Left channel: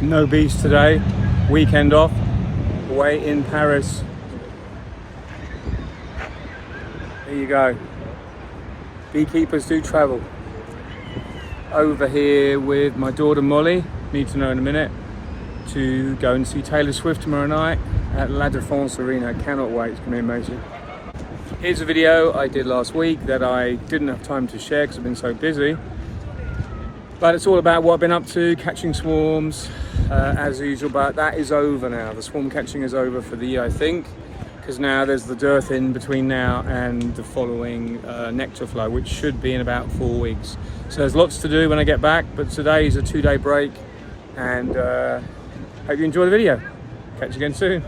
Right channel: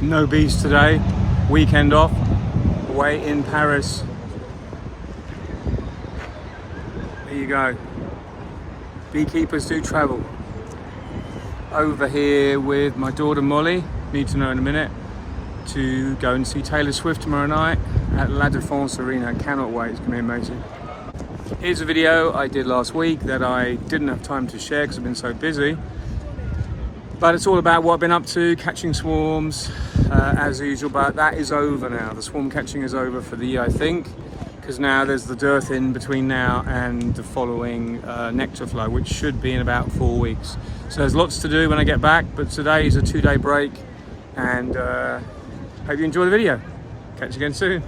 No bees today, weekend off, away in Paris. There you go. Beekeepers do travel. Over here with my daughter Molly, need to know in a minute, to go and see Taylor Swift tomorrow night at La Défense Arena. I cannot wait, it's going to be amazing. Here's a video I did last week that I didn't have time to share because I've been so busy. But it's all about what I've been up to, catching swarms as usual, but that is over now. The swarm catching is over for the year, I think, because now there's the dearth in between now and the following nectar flow, which should be in about 4 weeks. So there's lots to do when I get back, but today is a 2-day break, and hope you enjoy the video. Catch you again soon.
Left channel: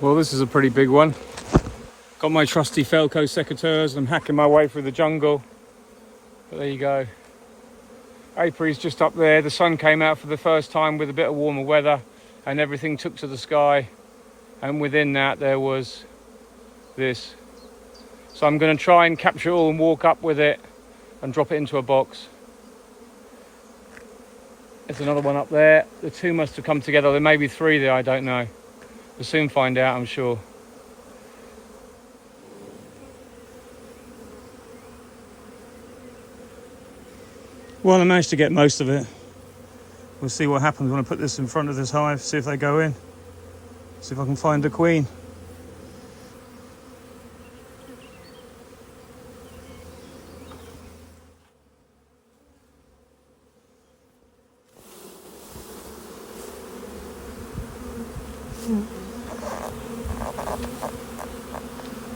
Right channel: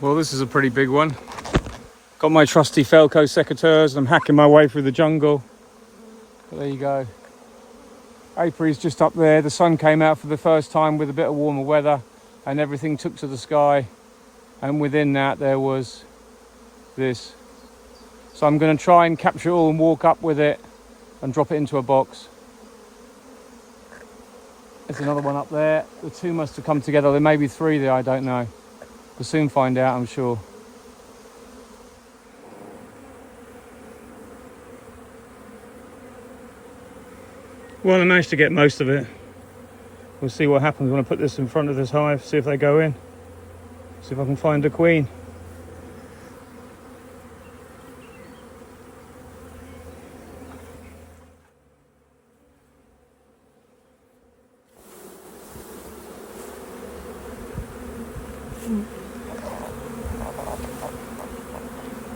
Well, this is a pretty big one. Got my trusty Felco secateurs. I'm hacking my way through the jungle. But there you go. Apiary's just up there. The sun came out for the first time with a bit of warmer weather and everything took to the sky. And within that there was this. So I'm going to try and capture it all and walk up with it and drop it into a box. There's another one up there. The two must have come together. There may be 3 there, I don't know. We'll soon find out, I'm sure. Well, I managed to get most of it. We'll see what happens when I put this in front of this hive, see if they go in. See if I can find the queen.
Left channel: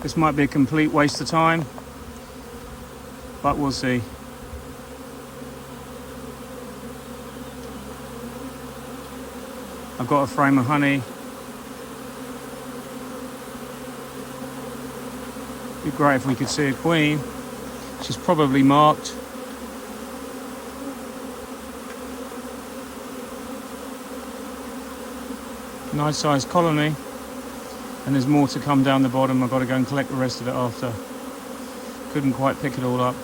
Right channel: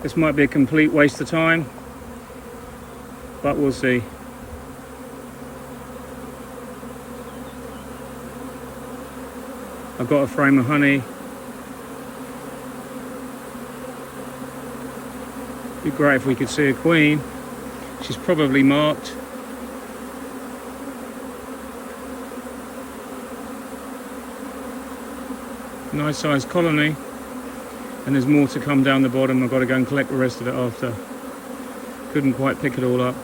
This might be a complete waste of time, but we'll see. I've got a frame of honey. It'd be great if we could see a queen. She's probably marked. Nice sized colony. And there's more to come down the bottom. I've got to go and collect the rest of it after. Couldn't quite pick it all up.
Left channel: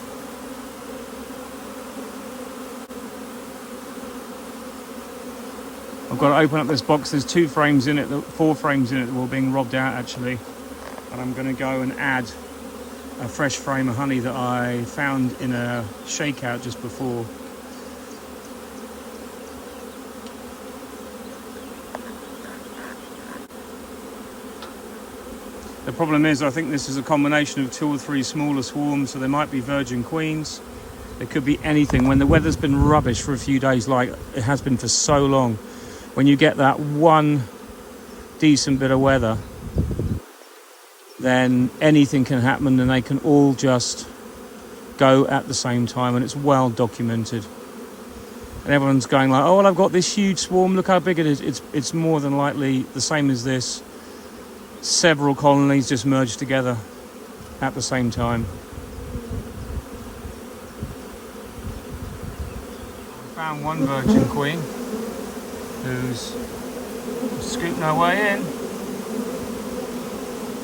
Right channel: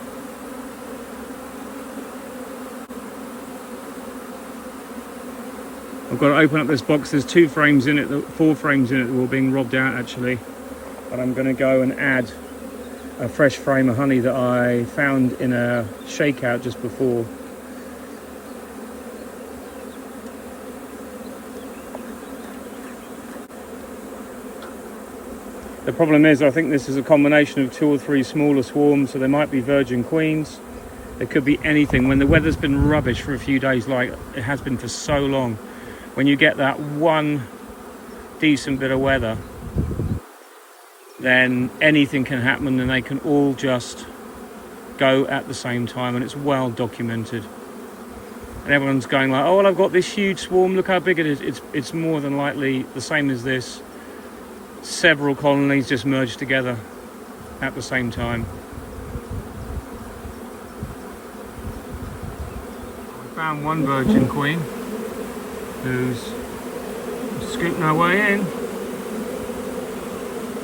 I've got to open up this box. There's 2 frames in it, 4 frames in it that were being robbed out actually. But I'm going to go and add a fresh frame of honey that I found in a shakeout just before. The problem is, I think this is a combination of 2 or 3 smaller swarms, so there might be virgin queens. There could be anything. When the weather's been rubbish for a few days, like it has been for so long, when you get that one decent bit of weather, then anything can happen and they can all just go at the same time, and it's well documented. And everyone's going like, oh, well, I've got this huge swarm, look how big it is. It's more than likely the same as this. Several colonies just merged together at the same time. We found one virgin queen who's scooping her way in.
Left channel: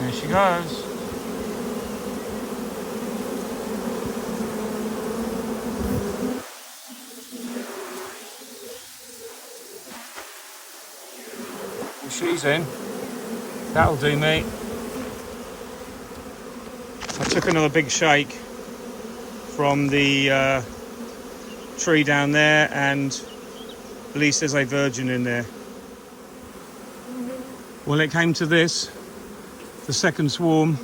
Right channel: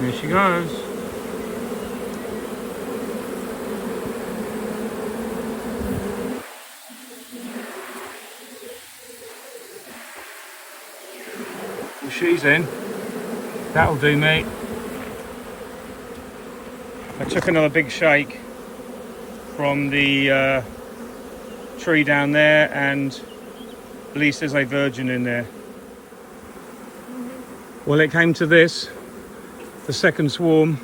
There she goes. Well, she's in. That'll do me. I took another big shake from the tree down there, and at least there's a virgin in there. Well, it came to this. The second swarm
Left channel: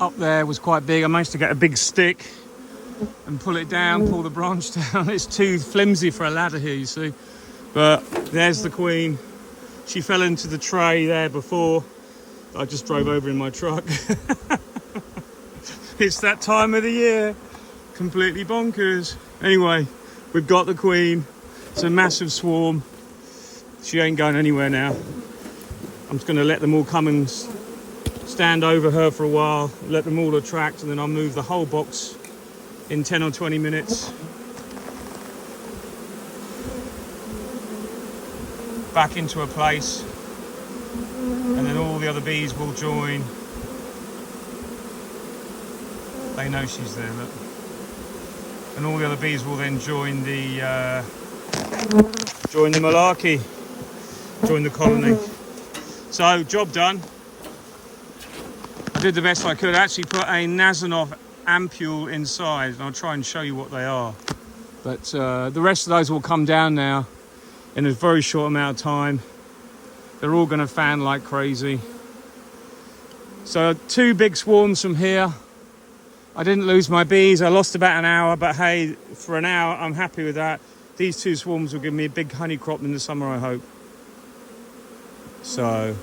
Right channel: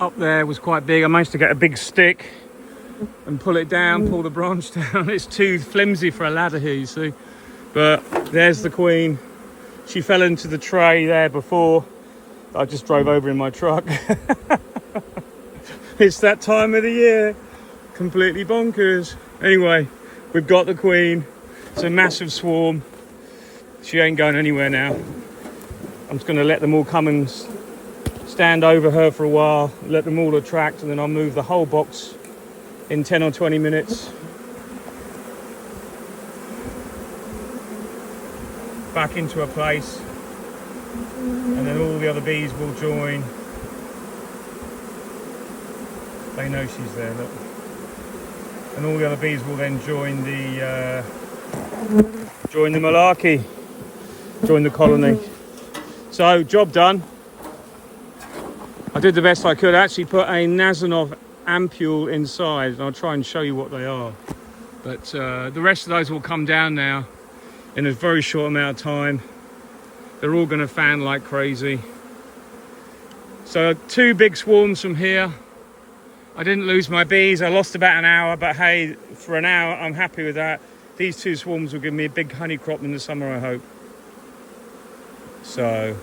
up there was quite big. I managed to get a big stick and pull it down, pull the branch down. It's too flimsy for a ladder here, you see. But there's the queen. She fell into the tray there before. I just drove over in my truck. It's that time of the year. Completely bonkers. Anyway, we've got the queen. It's a massive swarm. She ain't going anywhere now. I'm just going to let them all come and stand over her for a while, let them all attract, and then I'll move the whole box in 10 or 20 minutes back into a place, and then all the other bees will join. They know she's there, look. And all the other bees will then join the malarkey, join the colony. So, job done. I did the best I could. I actually put a Nazanov ampule inside, and I'll try and show you what they are. But the rest of those will come down now in a very short amount of time. They're all going to fan like crazy. So 2 big swarms from here. I didn't lose my bees. I lost about an hour, but hey, for an hour, I'm happy with that. These 2 swarms will give me a big honey crop in the summer, I hope. So,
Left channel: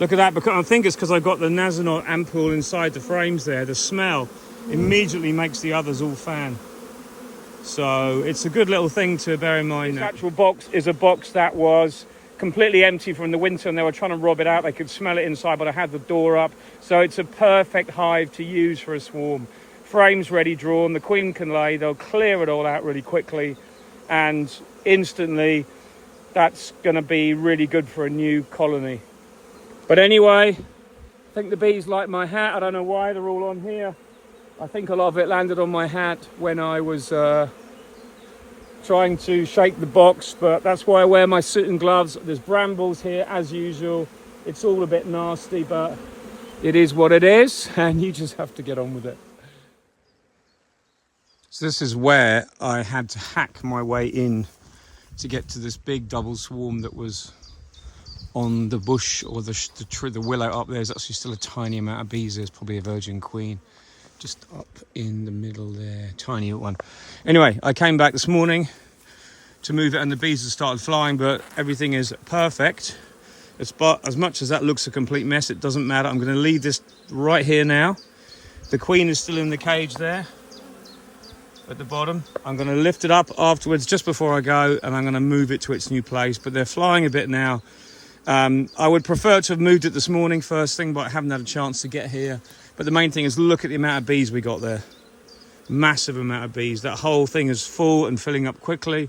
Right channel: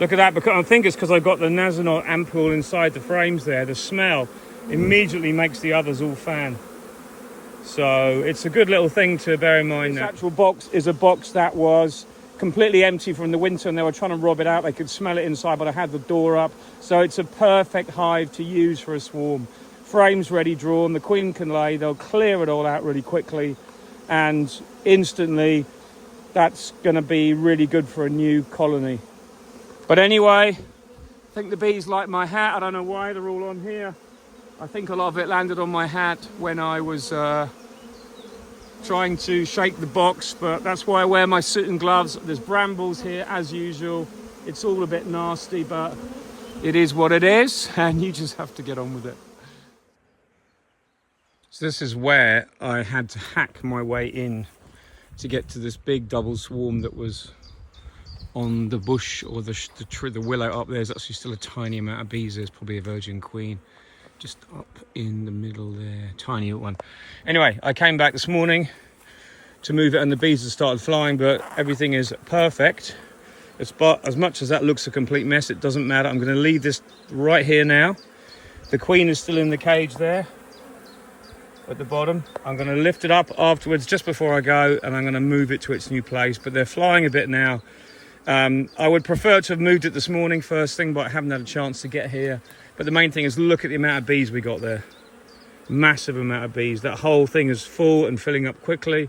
look at that, because I think it's because I've got the Nazanov ampule inside the frames there. The smell immediately makes the others all fan. So it's a good little thing to bear in mind. This actual box is a box that was completely empty from the winter, and they were trying to rob it out. They could smell it inside, but I had the door up. So it's a perfect hive to use for a swarm. Frames ready drawn, the queen can lay, they'll clear it all out really quickly, and instantly that's going to be really good for a new colony. But anyway, I think the bees like my hat. I don't know why they're all on here. I think a lot of it landed on my hat when I was trying to shake the box, but that's why I wear my suit and gloves. There's brambles here as usual. It's all a bit nasty, but it is what it is, and you just have to get on with it. So this is where I had to hack my way in to get to this big double swarm that was on the bush, or the willow up there. There's actually still a tiny amount of bees. There's probably a virgin queen just up in the middle there, tiny one. Anyway, I came back this morning to move it, and the bees have started flying, but everything is perfect. As much as that looks a complete mess, it doesn't matter. I'm going to leave this right here now. The queen is still in the cage there at the bottom. I'm going to lift it up afterwards just before I go, and I'm going to move it to its new place. But they're flying a bit now. I would prefer to have moved it this morning first thing, but I haven't had a chance to get here. But the main thing is, look at the amount of bees we got there. Massive amount of bees. That whole thing is full and filling up quickly.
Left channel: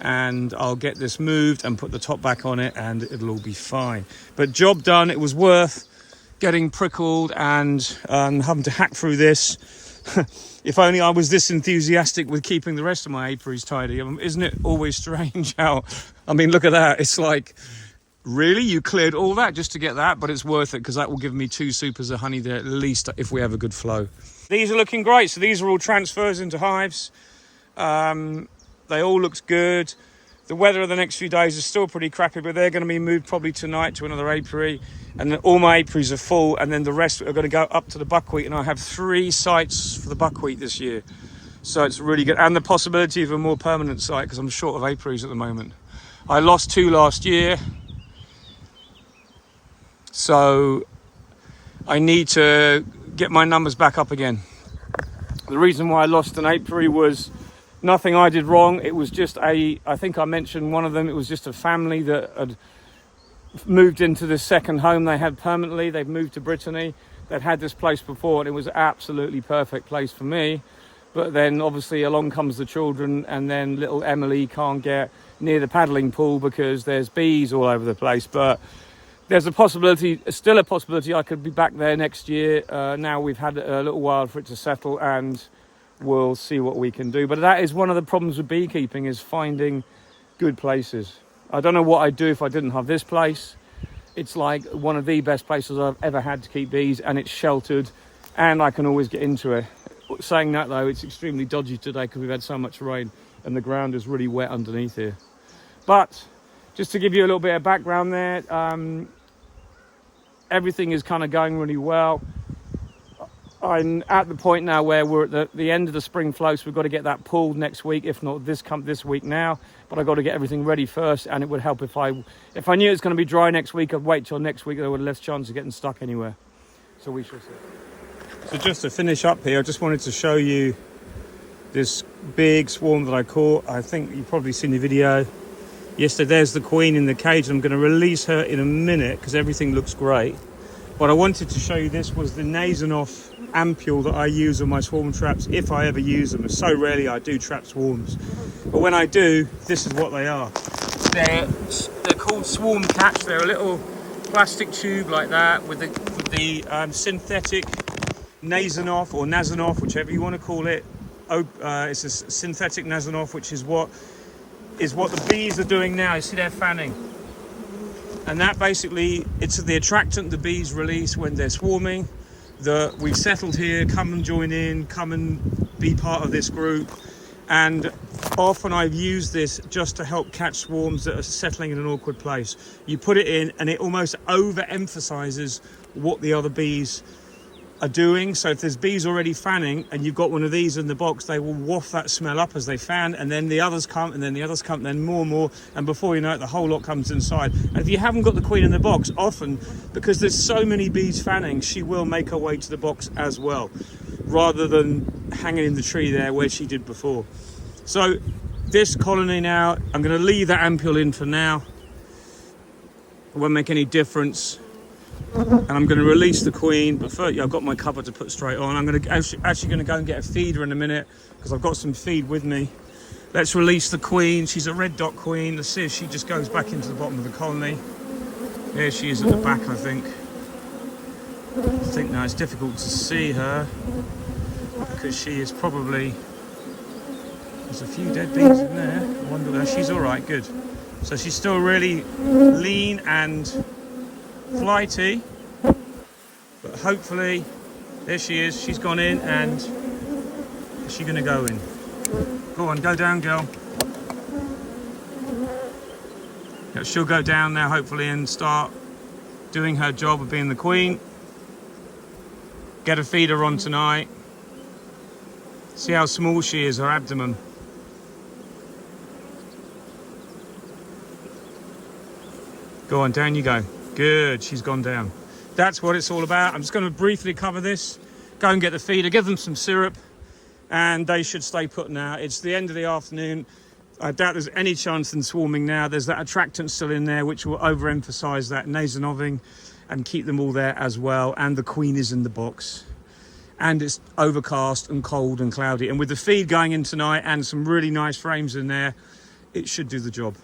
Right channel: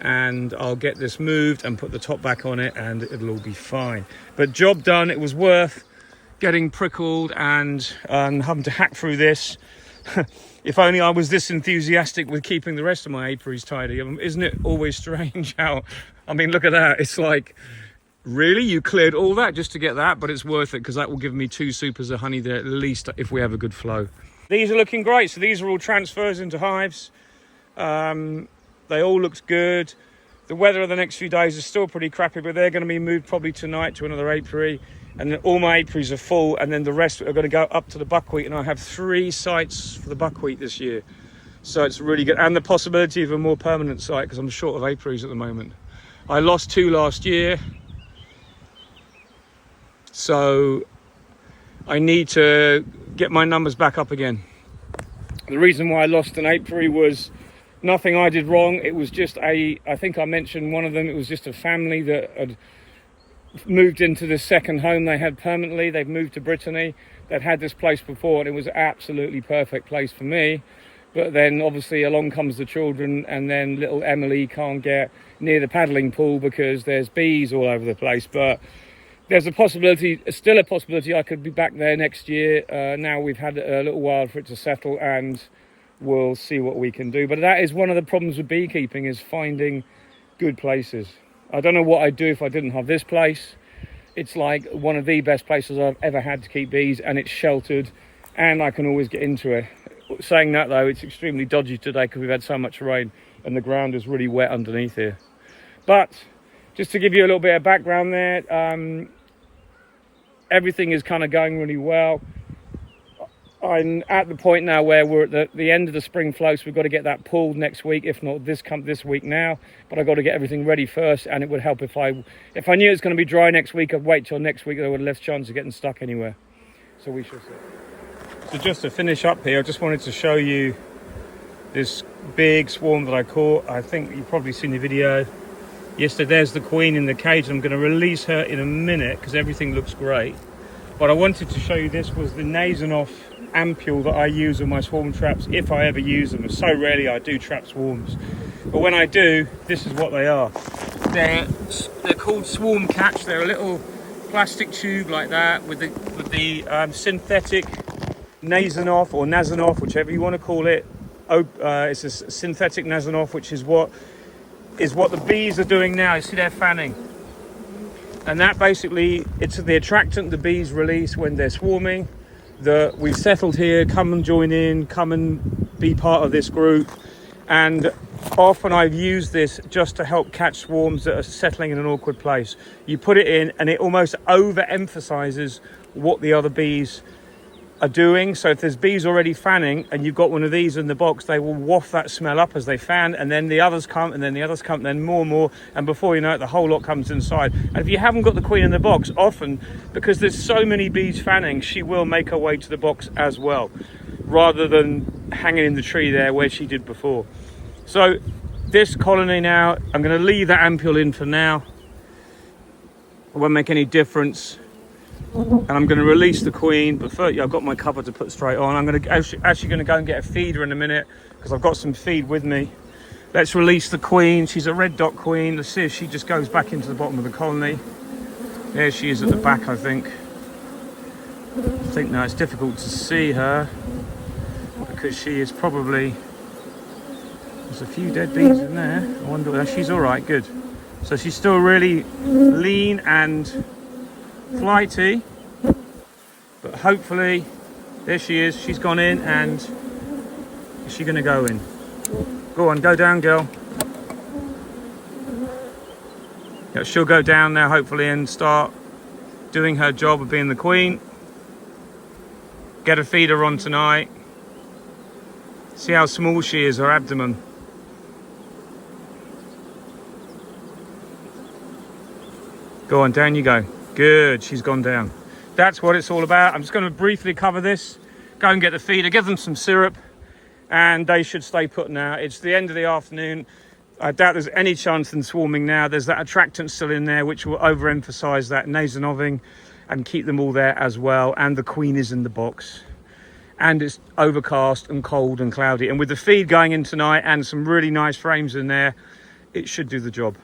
And I'll get this moved and put the top back on it, and it'll all be fine. But job done. It was worth getting prickled and having to hack through this. If only I was this enthusiastic with keeping the rest of my apiaries tidy. Isn't it always strange how, I mean, look at that. It's like, really? You cleared all that just to get that? But it's worth it, because that will give me 2 supers of honey there at least if we have a good flow. These are looking great. So these are all transfers into hives. They all looked good. The weather of the next few days is still pretty crappy, but they're going to be moved probably tonight to another apiary. And then all my apiaries are full, and then the rest are going to go up to the buckwheat. And I have 3 sites for the buckwheat this year. So it's really good. And the possibility of a more permanent site, because I'm short of apiaries at the moment. I lost 2 last year. So I need to get my numbers back up again. The reason why I lost an apiary was nothing I did wrong. It was just I think I mentioned one of them. It was just a family that had moved into the second home they had permanently. They've moved to Brittany. They'd had this place before, and it was an absolutely perfect place for me. But then obviously along comes the children, and then little Emily can't get near the paddling pool because there's bees all over the place. But there's a possibility, still a possibility, I could be back there next year. Now we've had a little while for it to settle, and we'll see what we can do. But that is one of the problems with beekeeping, is finding good places. I don't know what I'd do if I didn't have this place. It's like one of the best places I've ever had to keep bees, and it's sheltered, and I can always get into it. Saying that though, it's extremely dodgy today because we've had so much rain and the ground is really wet underneath here. But just to give you a little bit of background there, everything is kind of going really well. I'm at the point now where we're at the end of the spring flow, so we've got to get that pulled next week, if not this week now. But I've got to get everything ready first, and it would help if I knew it was going to be dry next week. I'd wait till next week. There would have less chance of getting stuck anywhere. So we shall see. So just to finish up here, I just wanted to show you this big swarm that I caught. I think you've probably seen the video. Yesterday, there's the queen in the cage. I'm going to release her in a minute because everything looks great. What I wanted to show you, this was the Nasonoff ampule that I use on my swarm traps, if I ever use them. So rarely I do trap swarms, but when I do, this is what they are. They're called swarm catch. They're a little plastic tube like that with the synthetic Nasonoff or Nasonoff, whichever you want to call it. It's a synthetic Nasonoff, which is what the bees are doing now. You see they're fanning, and that basically, it's the attractant the bees release when they're swarming. That we've settled here, come and join in, come and be part of this group. And often I've used this just to help catch swarms that are settling in an awkward place. You put it in and it almost overemphasizes what the other bees are doing. So if there's bees already fanning and you've got one of these in the box, they will waft that smell up as they fan, and then the others come, and then the others come, and then more and more, and before you know it, the whole lot comes inside. And if you haven't got the queen in the box, often, because there's so many bees fanning, she will make her way to the box as well, rather than hanging in the tree there where she did before. So this colony now, I'm going to leave that ampule in for now. It won't make any difference. And I'm going to release the queen, but first, I've got my cover to put straight on. I'm actually going to go and get a feeder in a minute, because I've got some feed with me. Let's release the queen. She's a red dot queen. Let's see if she just goes back into the bottom of the colony. There she is at the back, I think. Now it's difficult to see her because she is probably... There's a few dead bees in there. I wonder... She's all right, good. So she's still really lean and flighty, but hopefully, there she is. She's gone in, and is she going to go in? Go on, go down, girl. Yeah, she'll go down now, hopefully, and start doing her job of being the queen. Get a feeder on tonight. See how small she is, her abdomen. Go on, down you go. Good, she's gone down. That's what it's all about. I'm just going to briefly cover this, go and get the feeder, give them some syrup, and they should stay put now. It's the end of the afternoon. I doubt there's any chance in swarming now. There's that attractant still in there, which will overemphasize that nasonoving and keep them all there as well. And the queen is in the box. And it's overcast and cold and cloudy. And with the feed going in tonight and some really nice frames in there, it should do the job.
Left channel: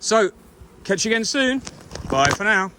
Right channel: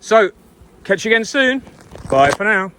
So, catch you again soon. Bye for now.